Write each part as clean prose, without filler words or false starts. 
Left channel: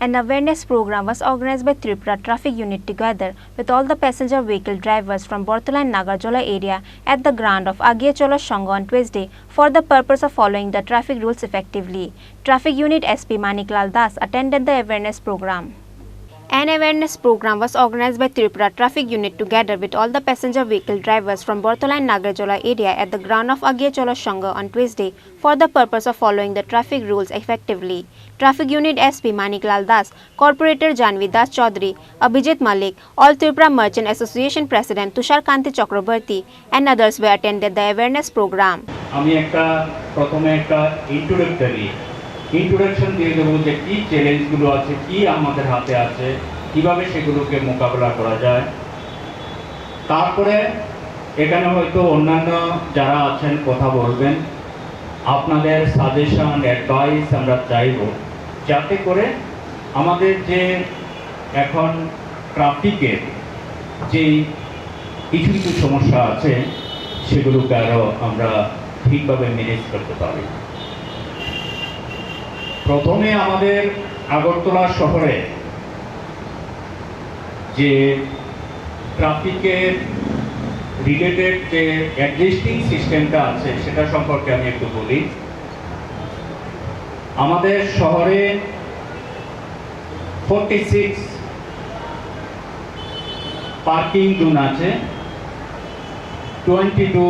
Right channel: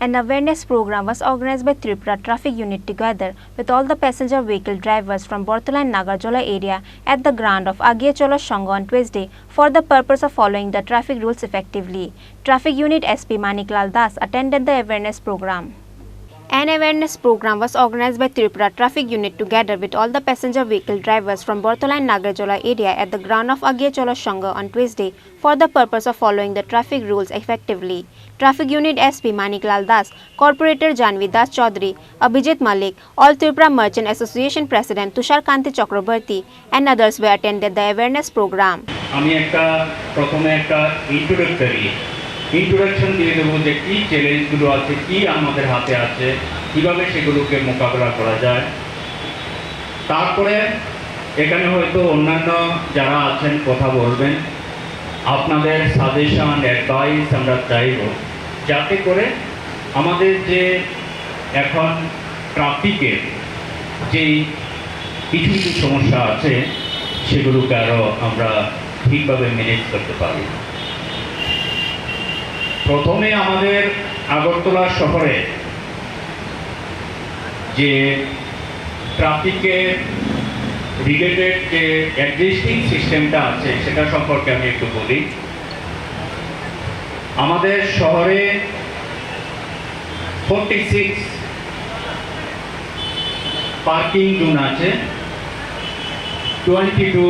An awareness program was organized by Tripura Traffic Unit together with all the passenger vehicle drivers from Battala Nagerjala area at the ground of Agiyachola Shanga on Tuesday for the purpose of following the traffic rules effectively. Traffic Unit SP Maniklal Das attended the awareness program. An awareness program was organized by Tripura Traffic Unit together with all the passenger vehicle drivers from Battala Nagerjala area at the ground of Agiyachola Shanga on Tuesday for the purpose of following the traffic rules effectively. Traffic Unit SP Maniklal Das, Corporator Janvi Das Chaudhary, Abhijit Malik, All Tripura Merchant Association President Tushar Kanti Chakrabarti and others were attended the awareness program. Introduction দিয়ে দেবো যে কী চ্যালেঞ্জগুলো আছে, কী আমাদের হাতে আছে, কীভাবে সেগুলোকে মোকাবেলা করা যায়। তারপরে এখানে হয়তো অন্যান্য যারা আছেন কথা বলবেন, আপনাদের সাজেশন অ্যাডভাইস আমরা চাইব যাতে করে আমাদের যে এখন ট্রাফিকের যে কিছু কিছু সমস্যা আছে সেগুলোকে আরও আমরা ঠিকভাবে ম্যানেজ করতে পারি। প্রথমে আমাদের আগরতলা শহরে যে ট্রাফিকের রিলেটেড যে এক্সিস্টিং সিস্টেমটা আছে সেটা সম্পর্কে আমি একটু বলি। আমাদের শহরে 46 পার্কিং জোন আছে, 22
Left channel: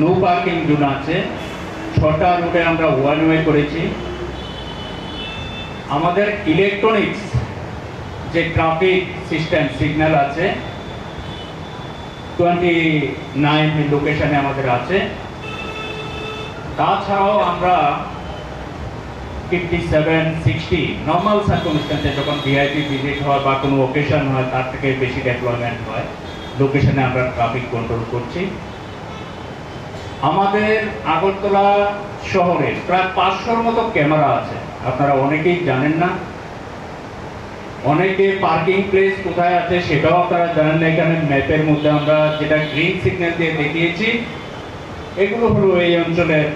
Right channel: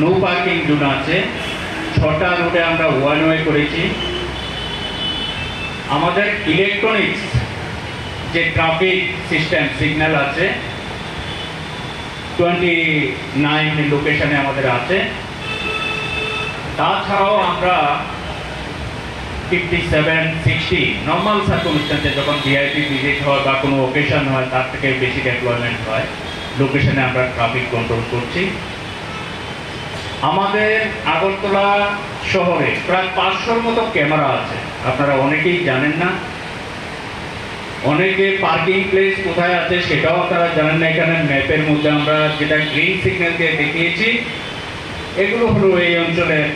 নো পার্কিং জোন আছে, 6টা রোডে আমরা ওয়ান ওয়ে করেছি। আমাদের ইলেকট্রনিক্স যে ট্রাফিক সিস্টেম সিগন্যাল আছে 29 লোকেশনে আমাদের আছে। তাছাড়াও আমরা 57, 60 নর্মাল সার্কামস্ট্যান্সে যখন ভিআইপি ভিজিট হয় বা কোনো ওকেশন হয় তার থেকে বেশি ডেপ্লয়মেন্ট হয় লোকেশনে আমরা ট্রাফিক কন্ট্রোল করছি। আমাদের আগরতলা শহরে প্রায় 500-র মতো ক্যামেরা আছে, আপনারা অনেকেই জানেন না। অনেকে পার্কিং প্লেস কোথায় আছে সেটাও আপনারা জানেন না। এখানে ম্যাপের মধ্যে আমরা যেটা গ্রিন সিগন্যাল দিয়ে দেখিয়েছি এগুলো হলো এই অঞ্চলের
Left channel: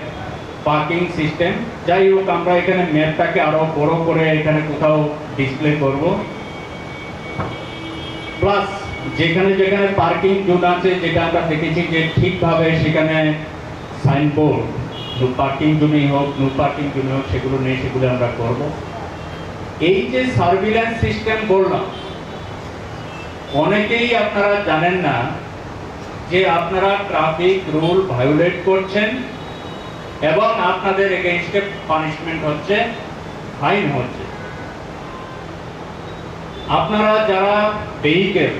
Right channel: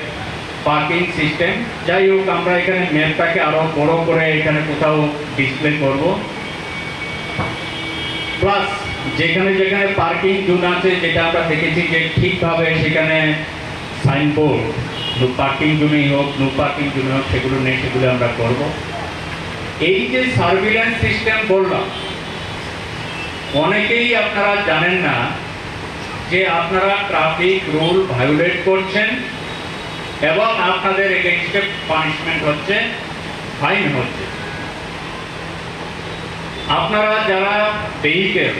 পার্কিং সিস্টেম। যাই হোক, আমরা এখানে ম্যাপটাকে আরো বড় করে এখানে কোথাও ডিসপ্লে করব। প্লাস যেখানে যেখানে পার্কিং জোন আছে যেটা আমরা দেখেছি যে ঠিকভাবে সেখানে সাইনবোর্ড নো পার্কিং জোনই হোক, নো পার্কিং জোন হোক, সেগুলো নেই, সেগুলো আমরা করব। এই যে সার্ভিল্যান্স সিস্টেম বললাম, অনেকেই আপনারা জানেন না যে আপনারা ট্রাফিক রুল ভায়োলেট করছেন এবং আপনাদের এগেইনস্টে পানিশমেন্ট হচ্ছে, ফাইন হচ্ছে। আপনারা যারা ভেহিকেল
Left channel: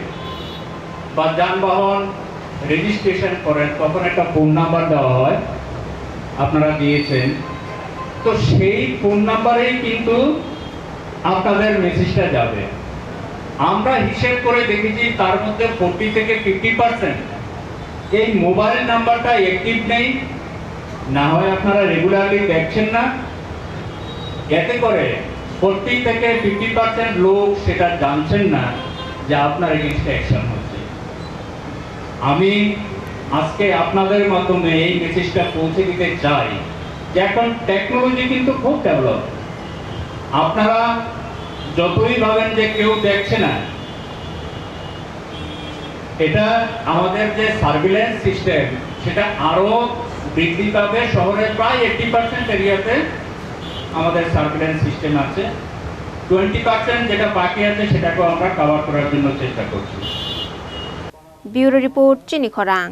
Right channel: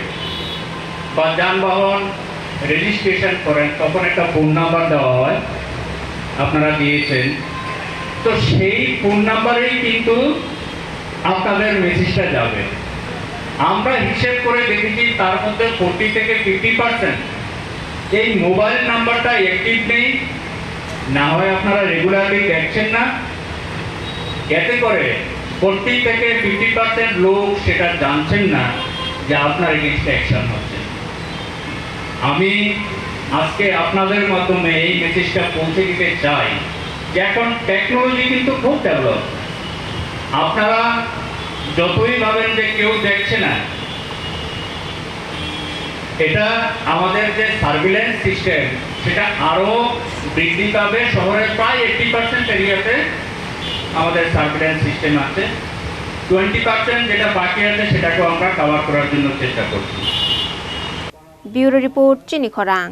বা যানবাহন রেজিস্ট্রেশন করেন তখন একটা ফোন নাম্বার দেওয়া হয়, আপনারা দিয়েছেন, তো সেই ফোন নাম্বারেই কিন্তু আপনাদের মেসেজটা যাবে। আমরা হিসেব করে দেখেছি তার মধ্যে 40 থেকে 50% এই মোবাইল নাম্বারটা অ্যাক্টিভ নেই, না হয় আপনারা রেগুলারলি দেখছেন না। এতে করে 40 থেকে 50% লোক সেটা জানছেন না যে আপনার এগেইনস্টে অ্যাকশন হচ্ছে। আমি আজকে আপনাদের মাধ্যমে এই মেসেজটা পৌঁছে দিতে চাই যে এখন টেকনোলজি কিন্তু খুব ডেভেলপ। আপনারা যতই ভাবেন যে কেউ দেখছে না, এটা আমাদের যে সার্ভিল্যান্স সিস্টেম সেটা আরো বৃদ্ধি পাবে। শহরের প্রায় 80% এরিয়াতে আমাদের সার্ভিল্যান্স সিস্টেম আছে, 20% যেটা বাকি আছে সেটাকেও আমরা কভার করার জন্য চেষ্টা করছি। ব্যুরো রিপোর্ট, চিনি খরাং।